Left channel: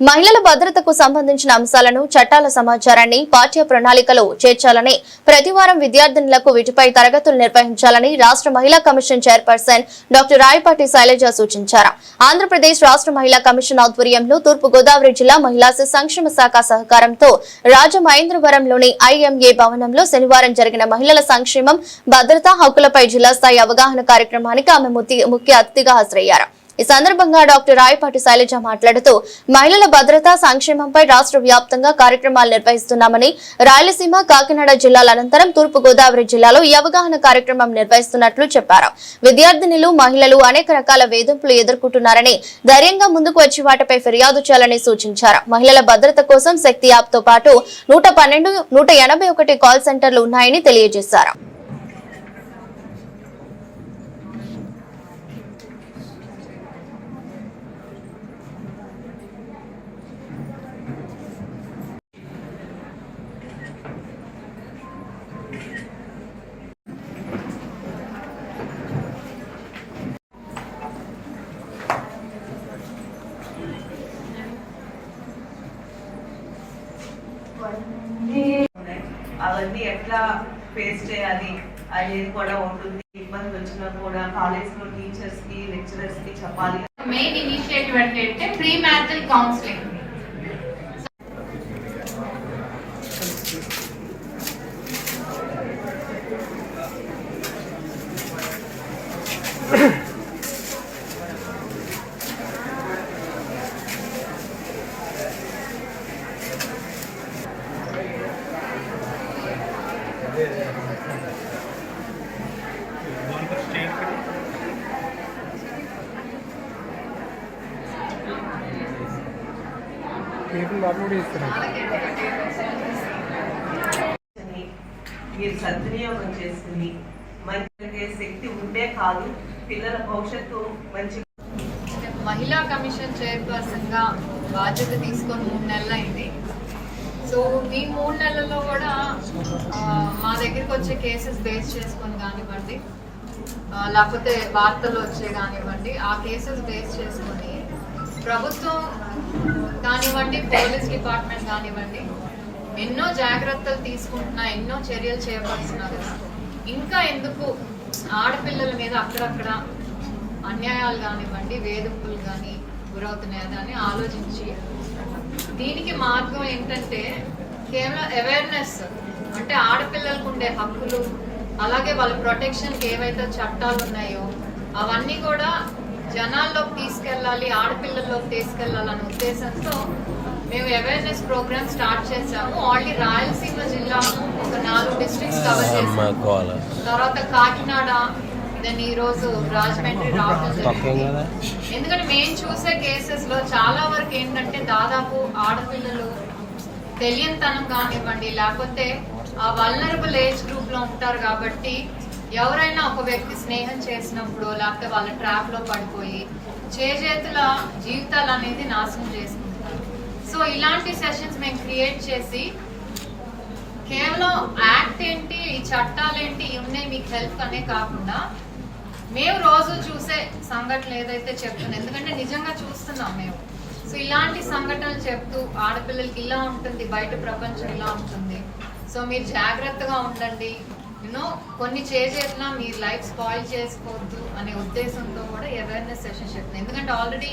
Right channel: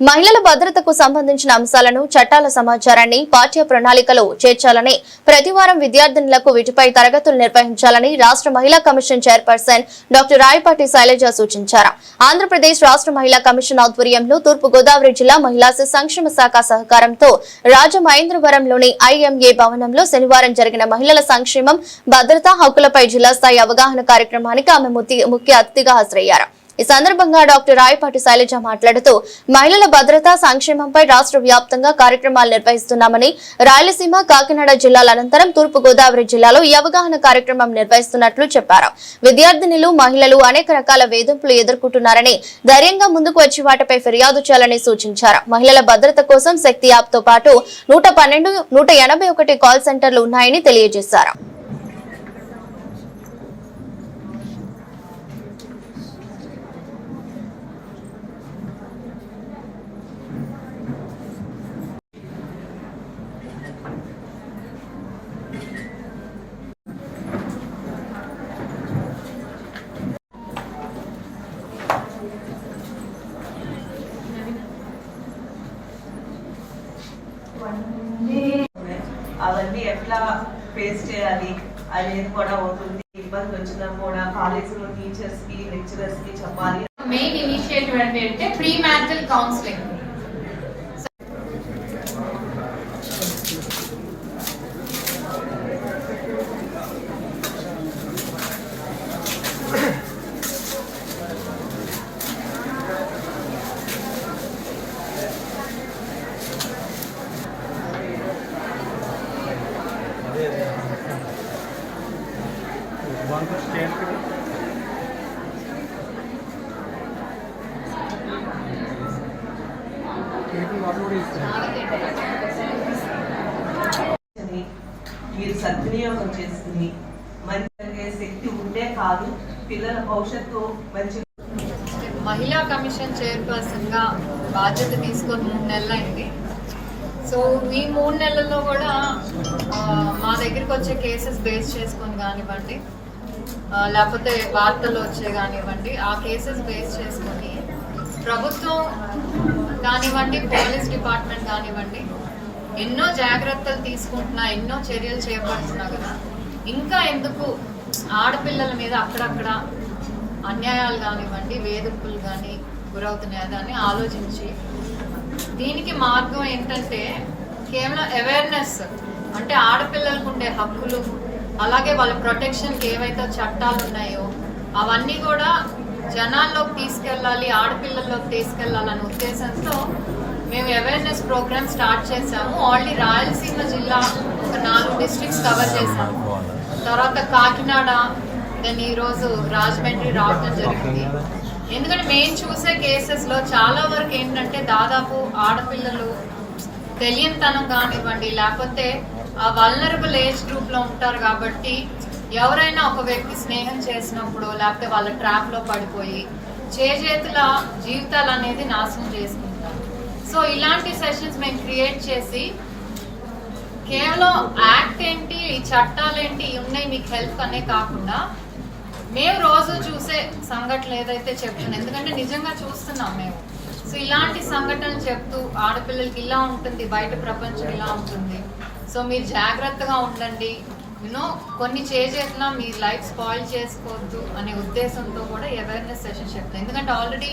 మహిళల భద్రతకు సంబంధించిన అంశాలను చట్టాల సమాచారాన్ని పాఠ్య ప్రణాళికలో చేర్చాలని ప్రతివారం విద్యార్థినులకు వీటిపై తరగతులు నిర్వహించాలని రాష్ట్ర మహిళా commission chairperson doctor Rayapati Sailaja సూచించారు. ఆంధ్రప్రదేశ్ రాష్ట్ర మహిళా కమిషన్ ఆధ్వర్యంలో తూర్పు గోదావరి జిల్లా మహిళా సంక్షేమ శాఖ సహకారంతో రాజమహేంద్రవరంలోని ఐఎంఏ భవనంలో శనివారం జరిగిన మహిళల సంక్షేమం భద్రతా హక్కులపై జిల్లా స్థాయి అవగాహన కార్యక్రమానికి ఆమె ముఖ్య అతిథిగా హాజరయ్యారు. ఈ సందర్భంగా డాక్టర్ రాయపాటి శైలజ మాట్లాడుతూ మహిళల భద్రతా సంక్షేమంపై రాష్ట్ర వ్యాప్తంగా కార్యక్రమాలు నిర్వహిస్తున్నామని రాయలసీమ కాకినాడ జిల్లాల అనంతరం తూర్పు గోదావరి జిల్లాలో ఈ అవగాహన కార్యక్రమం నిర్వహిస్తున్నట్లు చెప్పారు. విద్యార్థినిలు మహిళలు అనేక రకాల వేధింపులు ఎదుర్కొంటున్నారని ధైర్యంగా ముందుకు వచ్చి వాటిపై ఫిర్యాదు చేయాలని సూచించారు. మహిళల భద్రత కోసం శక్తి యాప్తో పాటు నూట పన్నెండు నూట ఎనభై ఒకటి కాల్ సెంటర్లు ఉన్నాయని తెలియజేశారు ఉన్నాయి. అవన్నీ ఎట్లా ఫేస్ చేయాలి? అనేది కూడా ఉంటుంది. ఇబ్బంది వచ్చినా కూడా కాలేజ్లో టీచర్స్కి లెక్చరర్స్కి చెప్పాలి. మెయిన్ ఇనిషియేటివ్ అంటే ప్రీ మ్యారిటల్ కౌన్సిలింగ్ మీరు సద్వినియోగం చేసుకుని మంచి శక్తి ఉంటే కాదు పిల్లల భవిష్యత్తు మంచి మహిళా కమిషన్ చైర్పర్సన్గా బాధ్యత తీసుకొని మూడు నెలలు అయింది సో ఈ మూడు నెలల్లో కూడా మా దగ్గరికి వచ్చే కేసెస్ బేస్ చేసుకొని కానివ్వండి. లేకపోతే వార్తలు వచ్చే కానివ్వండి ఆ కేసెస్ బేస్ చేసుకొని ప్రభుత్వం కానివ్వండి పోలీస్ డిపార్ట్మెంట్ కానివ్వండి ఎన్నో జాగ్రత్తలు తీసుకుంటున్నా ఎన్నో చర్యలు చేపడుతున్నా కదా ఇంకా ఎందుకు ఆడపిల్లల మీద అక్కడక్కడ అన్యాయాలు కానివ్వండి వేధింపులు కానీ గురవుతున్నాయా అని ఆలోచించి దీనికి మార్గం ఏంటంటే కేవలం అవేర్నెస్ అంటే ఆడపిల్లలకు ఉండే హక్కులు అలాగే వాళ్ళ ప్రొటెక్షన్కి ఏవైతే చట్టాలు ఉన్నాయో అవన్నీ కూడా జనాల్లోకి తీసుకెళ్ళాలి ఆడపిల్లల్లోకి తీసుకెళ్ళాలనే ఉద్దేశంతో మేము అవేర్నెస్ ప్రోగ్రామ్ స్టార్ట్ చేసాము ఆల్రెడీ రాయలసీమ జిల్లా ఒక నాలుగు డిస్ట్రిక్ట్స్ కవర్ చేసాము తర్వాత కాకినాడ దెన్ ఈరోజు రాజమండ్రి రావడం జరిగింది. ఎందుకంటే మేము చూసే కేసెస్లో చాలా వరకు ఏంటంటే దాదాపు ఆడపిల్లలు తెలియనితనం కానివ్వండి లేకపోతే ఆ వల్నరబుల్ ఏజ్ గ్రూప్లో ఉంటారు కాబట్టి ఎవరైనా ఒక వ్యక్తి స్నేహం చేసినప్పుడు లేకపోతే వాళ్ళ ట్రాప్లో పడిపోయి చేజేతుల జీవితాలు అనేది నాశనం చేసుకుంటారు. సో ఇలాంటి సెషన్స్ మేము క్రియేట్ చేసి కేవలం యాక్ట్ ఏంటి చట్టాలు ఏంటి ఉన్నాయి మీకు హెల్ప్ అనే కాకుండా మేము రోజు చూసే సంఘటనలు ఏదైతే చెప్తున్నాం ఎందుకంటే నిజంగా చూస్తున్నాం మేము. సో ఇలాంటి సంఘటనలు చెప్తూ ఆడపిల్లలకి ఇలా ఉంటుంది బయట ప్రపంచం ఇలా ఉంటుంది. సో మీరు జాగ్రత్తగా ఉండండి. యూనో కొన్ని చేసేట్లా మీ లైఫ్ స్పాయిల్ చేసుకోవద్దు అనే ఉద్దేశంతో కూడా అవేర్నెస్ సెషన్స్ చెప్తున్నాయి ఎందుకంటే ఆల్రెడీ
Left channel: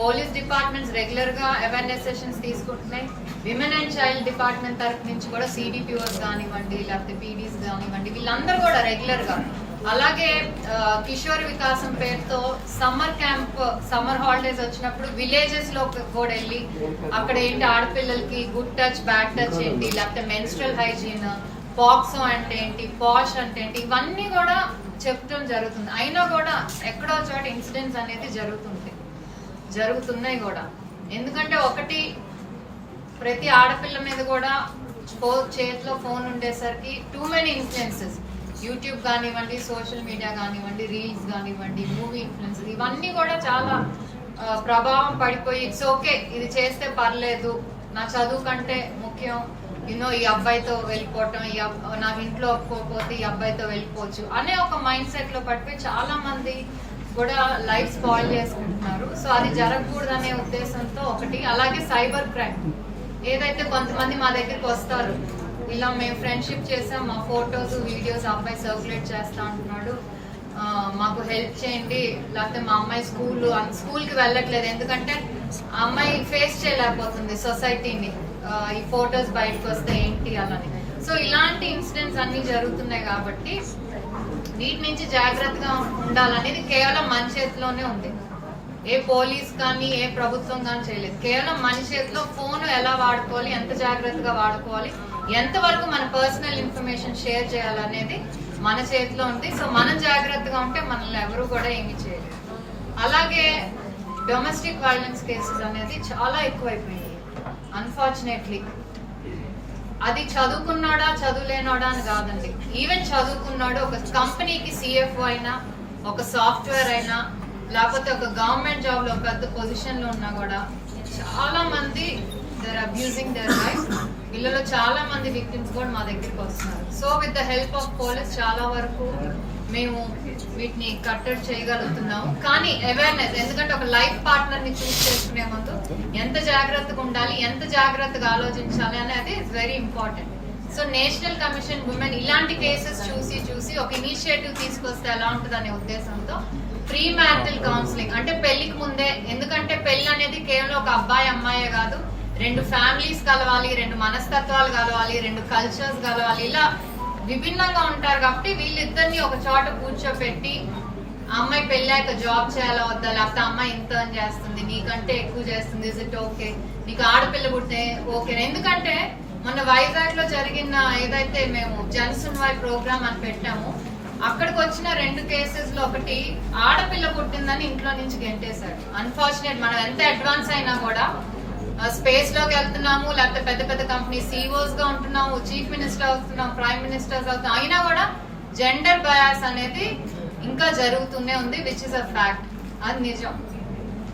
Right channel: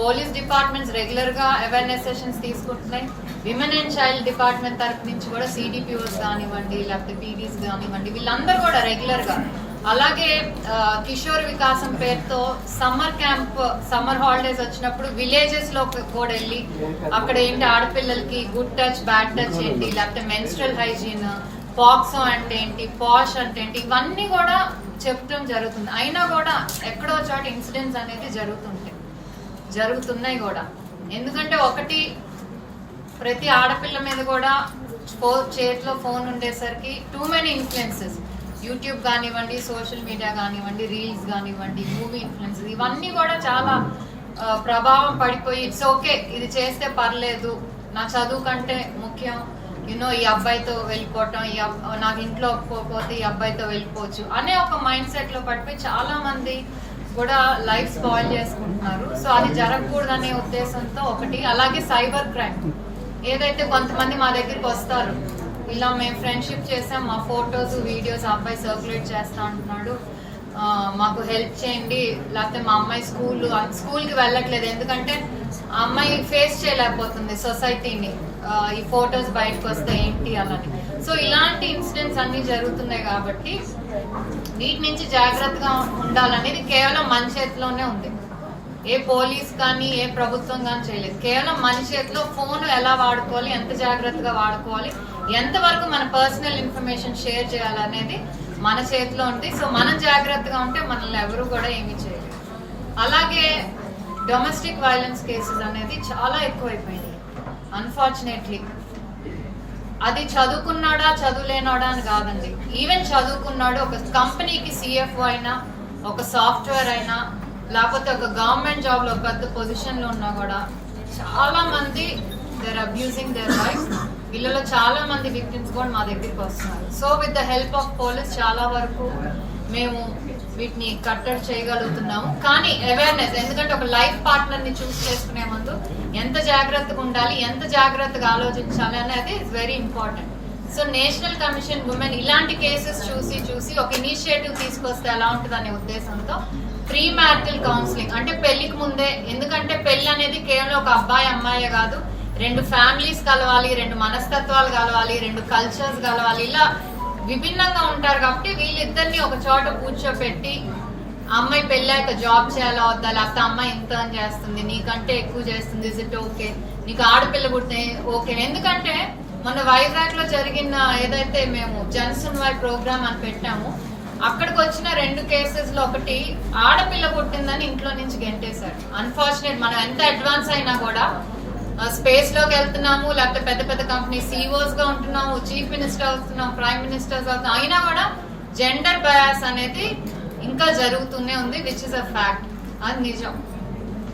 పోలీస్ డిపార్ట్మెంట్స్ రెగ్యులర్గా అవేర్నెస్ సెషన్స్ తీసుకుంటున్నాయి. విమెన్ అండ్ చైల్డ్ డిపార్ట్మెంట్ తరపు నుంచి కూడా సిడిపిఓస్ కానివ్వండి లేకపోతే పీడీస్ కానివ్వండి వీళ్ళందరూ కూడా రెగ్యులర్గా అలాగే కిషోర్ వికాసం పేరుతో సమ్మర్ క్యాంప్ సమ్మర్ హాలిడేస్ వచ్చినప్పుడు విలేజెస్లో కూడా వెళ్ళి అక్కడ ఏంటి ఆడపిల్లలకి గుడ్ టచ్ బ్యాడ్ టచ్ ఏంటి? లేకపోతే మెన్స్ట్రల్ హైజీన్ పాక్సో అంటే ఏంటి? పాష్ అంటే ఏంటి? ఇవన్నీ కూడా చెప్పడం జరుగుతుంది. అయినా కూడా ఎక్కడో చోట ఇన్సిడెంట్స్ అనేది జరుగుతుంటాయి. జరుగుతున్నాయి కూడా. ఎందుకంటే ఒకటి ప్రతి ఆడపిల్ల మీద కూడా ఫో చేతిలో ఫోన్ ఉండేసరికి టూ మెనీ ఇన్ఫ్లుయెన్సెస్ యూట్యూబ్ కానివ్వండి సోషల్ మీడియా కానివ్వండి రీల్స్ కానివ్వండి మూవీ ఇన్ఫ్లుయెన్స్ ఇవన్నీ కూడా చాలా ప్రభావం పడిపోయి ఇట్స్ ఓకే ఇది చేస్తే పర్లేదు నా చదువు కంటే ముఖ్యం యూనో ఈ అబ్బాయితో వెళ్ళిపోవటం ఈ నాకు ఇంట్లో ఒప్పుకోకపోతే ఈ అబ్బాయితో వెళ్ళిపోవచ్చు అనే ఒక మైండ్ సెట్లో పడిపోయి చాలా మంది కూడా లైఫ్ స్పాయిల్ చేసుకుంటున్నారు. సో అది జరగకూడదనే ఉద్దేశంతో ఒకటి అలాగే సైబర్ క్రైమ్. ఏదైతే కొంతమంది మా దగ్గరికి వస్తారు ఇలా మేము ఫ్రెండ్షిప్ చేసాం. మా ఫొటోస్ వీడియోస్ అబ్బాయి సర్క్యులేట్ చేస్తా అంటున్నాడు. మాకు హెల్ప్ చేయండి. లేకపోతే మా అమ్మాయి స్కూల్ స్కూల్కి వెళ్ళట్లేదు. ఎందుకంటే ఆ అమ్మాయి ఫేస్ చేయలేకపోతుంది సొసైటీని ఈ ఫొటోస్ బయటకు వస్తే ఏంటి అలాని. సో ఇలాంటి ఇన్సిడెంట్స్ అన్నీ జరుగుతున్నాయి కాబట్టి వీటి నుంచి జాగ్రత్తగా ఉండాలనేది కేవలం మన చేతిలోనే ఉంది. ఏ పోలీస్ కానీ ఏ ప్రభుత్వం కానీ చేయలేదు. కేవలం మన చేతిలో ఫోన్ ఎలా వాడుకోవాలి ఎంత జాగ్రత్తగా వాడుకోవాలి ఎంతవరకు మన పర్సనల్ ఇన్ఫర్మేషన్ షేర్ చేయాలనేది మన చేతిలో ఉంది. సో మనం జాగ్రత్తగా ఉంటే మనల్ని ఎవరు కూడా ఏమీ చేయలేరు. అలాగే డొమెస్టిక్ వైలెన్స్ కేసెస్ అనేది చాలా ఎక్కువైపోయింది అన్ఫార్చునేట్లీ అది చదువుకున్నాడా చదువులేనాడా అని కాదండి. ఈవెన్ చదువుకున్నాడు ఒక కంపెనీకి సిఎఫ్ఓ అయినా ఒక సాఫ్ట్వేర్ అయినా లేకపోతే ఒక గవర్నమెంట్ జాబ్లో పెద్ద పొజిషన్లో ఉన్నా కూడా చాలా మంది దర్ అబ్యూజింగ్ దర్ వైఫ్ వీళ్ళలో చాలా మంది విక్టిమ్స్ కూడా మా దగ్గరికి వస్తున్నారు. So with the help of police చాలా వరకు మేము వీటిని కట్టడి చేయగలుగుతున్నాము. కానీ అవేర్నెస్ ఎందుకంటే ఒక లైఫ్ పార్ట్నర్ని చూస్ చేసుకునే ముందు ఎంత జాగ్రత్తగా ఉండాలి ఎంత జాగ్రత్తగా ఆలోచించాలి అనేది is very important so national commission women ఇలాంటి కేసెస్ చూసి చూసి ఒక ఇనిషియేటివ్ తీసుకొస్తే ఎలా ఉంటుంది అనే ఉద్దేశంతో ప్రీ మ్యారిటల్ కౌన్సిలింగ్ అంటే పెళ్ళికి ముందే ఎందుకంటే పెళ్ళి అనేది కేవలం ఒక అబ్బాయి అమ్మాయే కాదు. రెండు ఫ్యామిలీస్ కలవాలి రెండు మనస్తత్వాలు కలవాలి రెండు కల్చర్స్ కలవాలి. ఇలా విభిన్నంగా ఉంటారు కాబట్టి వీళ్ళిద్దరిని ఒక చోట కూర్చోపెట్టి ఆ అమ్మాయి పెళ్ళాక జాబ్ చేయాలా వద్దా? లేకపోతే అమ్మాయి ఇంత అని చేస్తుంది నీకంటే ఎక్కువ చేస్తుంది. ఇస్ ఇట్ ఓకే నీకు ఆడపిల్ల పుట్టిన ఓకే ఎందుకంటే మొన్న వైజాగ్లో జరిగిన ఏదైతే మేము జనసున్వాయ్ ప్రోగ్రామ్ అని పెట్టాము అక్కడికి వచ్చిన రెండు కేసెస్లో ఒకటి ఆడపిల్ల పుట్టిందని ఇంట్లో నుంచి గెంటేశాడు అన్ఫార్చునేట్ మనం ఎంత అడ్వాన్స్ అయినా కూడా స్పేస్లోకి వెళ్తున్నాము లేకపోతే పెద్ద పెద్ద కంపెనీ సిఇఓస్గా ఉంటున్నాము చీఫ్ మినిస్టర్ అవుతున్నాం ప్రైమ్ మినిస్టర్స్ అవుతున్నాం. అయినా కూడా జెండర్ బయాస్ అనేది ఇంకా జరుగుతూనే ఉంది విచ్ ఇస్ అ ఫ్యాక్ట్ అది నిజం.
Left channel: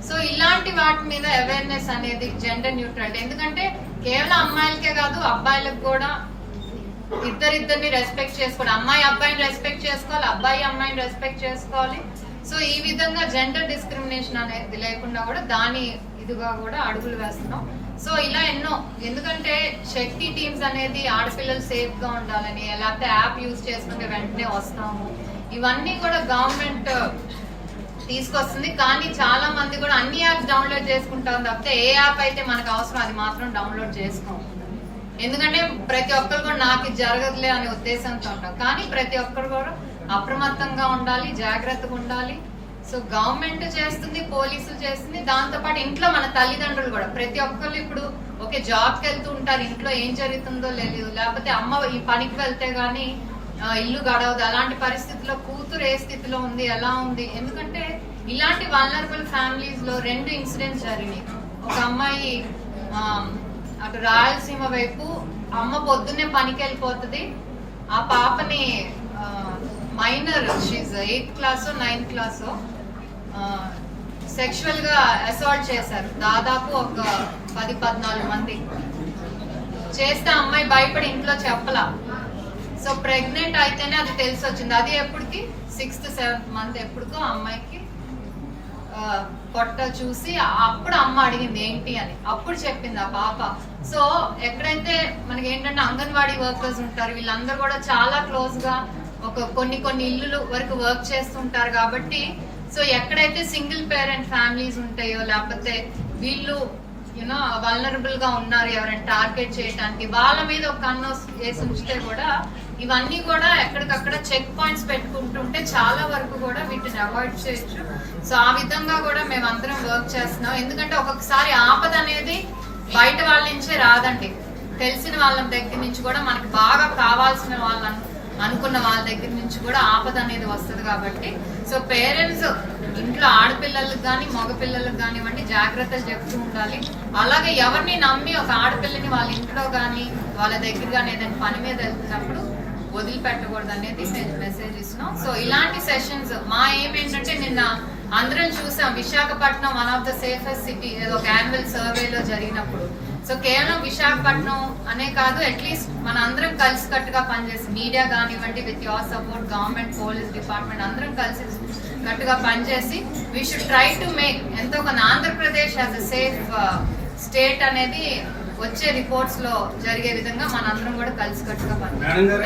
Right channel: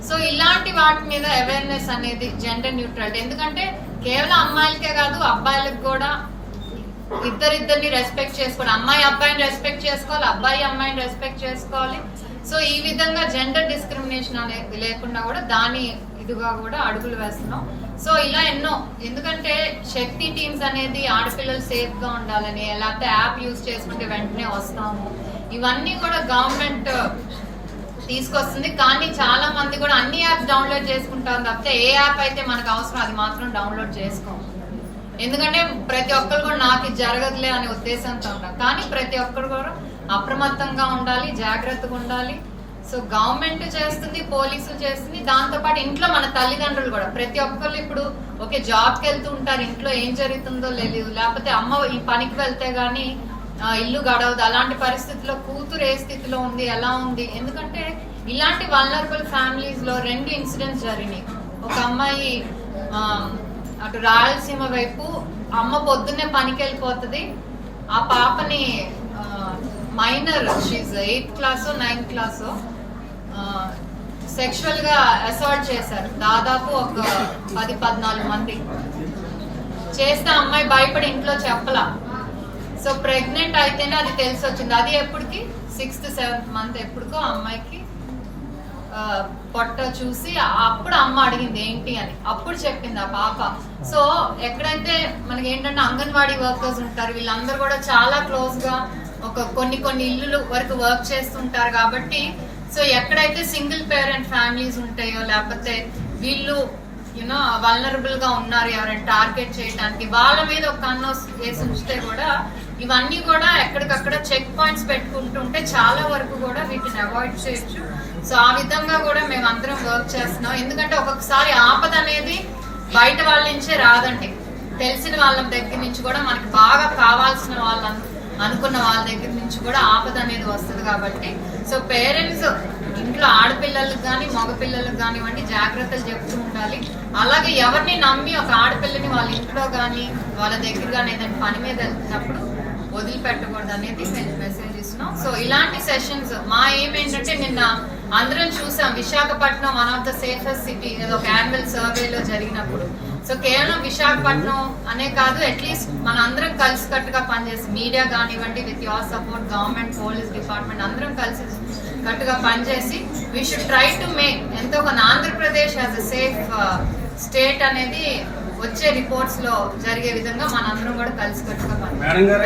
సో ఇలాంటి వాటి మీద అవేర్నెస్ అనేది జెండర్ న్యూట్రాలిటీ ఎందుకంటే కేవలం అమ్మాయిలకే కాదు అబ్బాయిలకు కూడా ఇద్దరిద్దరిని రెస్పెక్ట్ చేసుకోవాలి. అమ్మాయి అబ్బాయిని రెస్పెక్ట్ చేసుకోవాలి అబ్బాయి అమ్మాయిని రెస్పెక్ట్ చేసుకోవాలి. సో ఈ విధంగా జెండర్ డిస్క్రిమినేషన్ అనేది లేకుండా కూడా దాని ఇదిగా కూడా అడుగులు వేస్తున్నాం. సో ఇలా ఎన్నో ఎందుకంటే శక్తి టీమ్స్ అనేది ఆడపిల్లలు సేఫ్గా ఉండాలని లేకపోతే యాప్ యూజ్ చేసుకుంటే వెంటనే వస్తాము. ఇవన్నీ కూడా గవర్నమెంట్ uh, తీసుకొస్తుంది. కానీ చాలా మంది కూడా అన్ని యాప్స్ డౌన్లోడ్ చేసుకుంటాం తప్పితే ఏ యాప్ అయితే మనకు అవసరం అది మాత్రం డౌన్లోడ్ చేసుకోం. ఎందుకంటే ప్రతి ఒక్కరు కూడా నాకు ఇది జరగదులే అనే ఉద్దేశంతో ఉంటాం. కానీ ప్రతి ఒక్కరు కూడా అప్రమత్తంగా ఉండాలి జాగ్రత్తగా ఉండాలి. సో గవర్నమెంట్ చేస్తుంది పోలీసులు చేస్తుంది దాంతోపాటు ఇంట్లో మన తల్లిదండ్రులు కూడా. ప్రతి ఒక్కళ్ళు ఇప్పుడు ఓకే జాబ్కి వెళ్తూ ఉంటారు ఇంట్లో ఏం జరుగుతుందో తెలియదు లేకపోతే అమ్మ ఈ పనికి వెళ్తే గానీ ఇల్లు గడవదు. అలాంటి పరిస్థితిలో కూతురు ఏ స్థితిలో ఉంది ఎలా ఉంది? ఎందుకంటే ఇలాంటి వల్నరబుల్ ఫ్యామిలీస్లో రెండు ఇన్సిడెంట్స్ జరిగినాయి. ఒక అమ్మాయి అటు రాయలసీమ వైపు అమ్మ పొద్దున్నే పనికి వెళ్ళిపోతుంది. ఆ పాపని minor she's eighth class ninth class సెక్షువల్గా assault చేశారు. దాదాపు ఒక పది పద్నాలుగు మంది. చేస్తే అమ్మాయి భయపడి ఇంట్లో చెప్పలా. సో ప్రెగ్నెంట్ అయితేనే అది తెలిసి వచ్చింది అది ఎప్పటికి? సిక్స్త్ సెవెంత్ మంత్ ఎప్పటికో అమ్మాయికి పొట్ట చూసి అప్పుడు అమ్మ అడిగింది ఏంటి అని. అప్పుడు చెప్పింది ఆ పాప. సో ఎక్కడైతే మనకి ఏంటంటే అంగన్వాడీ వర్కర్స్ ఉంటారు వీళ్ళందరూ కూడా చాలా క్లోజ్గా ఒక కొన్ని కొన్ని ఇల్లులు వరకు వర్క్ చేస్తుంటారు కాబట్టి సో ఎక్కడైతే సింగిల్ పేరెంట్ ఫ్యామిలీస్ ఉంటాయో లేకపోతే వీళ్ళు యూనో వల్నరబుల్గా ఉన్నారు ఎవరైనా టార్గెట్ చేయడానికి వాళ్ళ మీద ఒక కన్ను వేసి ఉంచితే కూడా ఇవన్నీ కూడా ఎక్కడికక్కడ చెక్ పాయింట్స్ పెట్టుకుంటుంటే చాలా వరకు కూడా వీటిని అవాయిడ్ చేయొచ్చు. సో ఆ విధంగా కూడా మేము అందరం వర్క్ చేస్తున్నాం. ఎందుకంటే ఒక్కొక్కసారి ఆపద అనేది బయట వాళ్ళ నుంచే రాదండి. తెలిసిన వాళ్ళ దగ్గర నుంచి కూడా మనకి బాగా కావాల్సిన వాళ్ళ అనుకున్న వాళ్ళ దగ్గర నుంచి కూడా ఆపద అనేది వస్తుంది కాబట్టి సో పేరెంట్స్ ఇంట్లో ఆడపిల్లలకు కానీ మగపిల్లలకు కానివ్వండి జాగ్రత్తలు చెప్తూ ఉండాలి. అలాగే ఎవరిని నమ్మి ఒక ఆడపిల్లని వాళ్ళ ఇంట్లో కానీ వాళ్ళ దగ్గర కానీ ఏదైనా పని మీద వెళ్తున్నప్పుడు వదిలిపెట్టకూడదు అనేది నేను మెసేజ్ ఇస్తున్నాం. సో ఇలాంటి సెషన్స్ మా ఏం ఏంటంటే నిన్న అందరం చూసాం. Visakhapatnam one of the safest city ఏదో ఒక యాన్యువల్ సర్వేలో జరిగినప్పుడు. సో కేవలం విశాఖపట్నం అనే కాదు అట్లీస్ట్ మన అందరం కలిసి కట్టుగా పనిచేసి మీడియా కానివ్వండి with your support government police department అందరం కలిసి కట్టుగా పనిచేసి we should try to make ఎంతో కొంత Andhra Pradesh as a safe state అనేది వచ్చే రిపోర్ట్స్లో జరిగే విధంగా మనందరం కూడా కలిసి కట్టుగా పనిచేస్తాం